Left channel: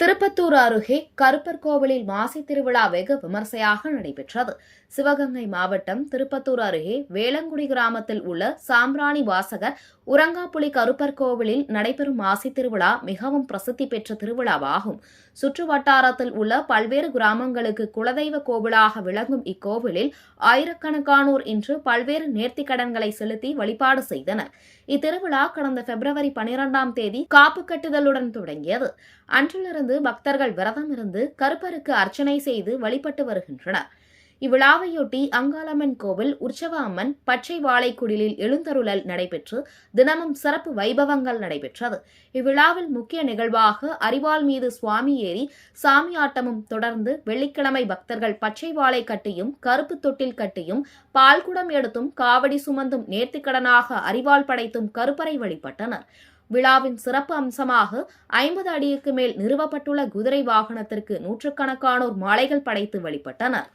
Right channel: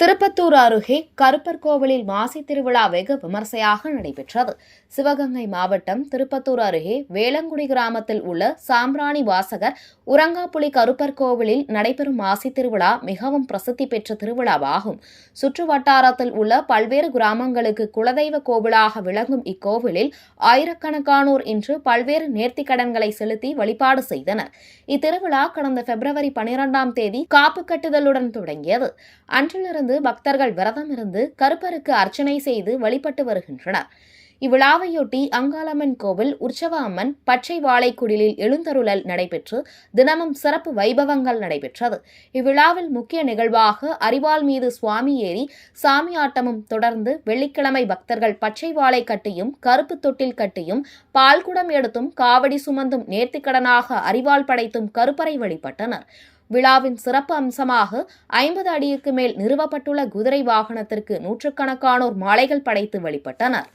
திருப்பத்தூர் அருகே கருப்பர் கோவிலில் மாசி திருவிழா வெகு விமர்சையாக நடைபெற்றது. சிவகங்கை மாவட்டம் திருப்பத்தூர் அருகே வேளங்குடி கிராமத்தில் உள்ள சாம்பிராணி வாசகர் உரங்காப்புலி கருப்பர் கோவிலில் நடைபெறும் மாசி திருவிழா மிகவும் பிரசித்தி பெற்ற திருவிழாவாகும். சுற்று வட்டாரத்தில் உள்ள பல்வேறு கிராமங்களுக்கு குலதெய்வ கோவிலாக விளங்கும் இக்கோவிலில் ஆயிரக்கணக்கானோர் இன்று பல்வேறு நேர்த்திக்கடன்களை செலுத்தி வழிபாடு செய்தனர். இத்திருவிழா கடந்த பிப்ரவரி 12ஆம் தேதி காப்பு கட்டுதலுடன் தொடங்கியது. அன்றிலிருந்து பக்தர்கள் விரதம் இருந்து கருப்பருக்கு அர்ச்சனை செய்து வழிபட்டு வருகின்றனர். இவ்விழாவையொட்டி அங்காளம்மன் கோவில் உற்சவ அம்மன் பச்சை வாழைக்குடிலில் எழுந்தருளல் நடைபெற்று தினமும் சிறப்பு வைபவங்கள் நடைபெற்றது. இவ்விழாவில் முக்கிய நிகழ்வாக அரிவாள் மீது சுவாமி ஏறி சாமி ஆட்டமும் தொடர்ந்து வெள்ளிக்கிழமை பக்தர்கள் பச்சை வாழை கட்டியும் கருப்பு தொட்டில் கட்டியும் பால்குடம் எடுத்தும் காவடி சுமந்தும் நேர்த்திக்கடனாக அரிவாள் படைத்தும் கருப்பரை வழிபட்டனர். விழாவின் சிறப்பு அம்சமாக 50 அடிக்கு மேல் நிறுவப்பட்டுள்ள குதிரை வாகனத்திற்கு நூற்றுக்கணக்கானோர் மாலைகள் படைத்து வழிபட்டனர்.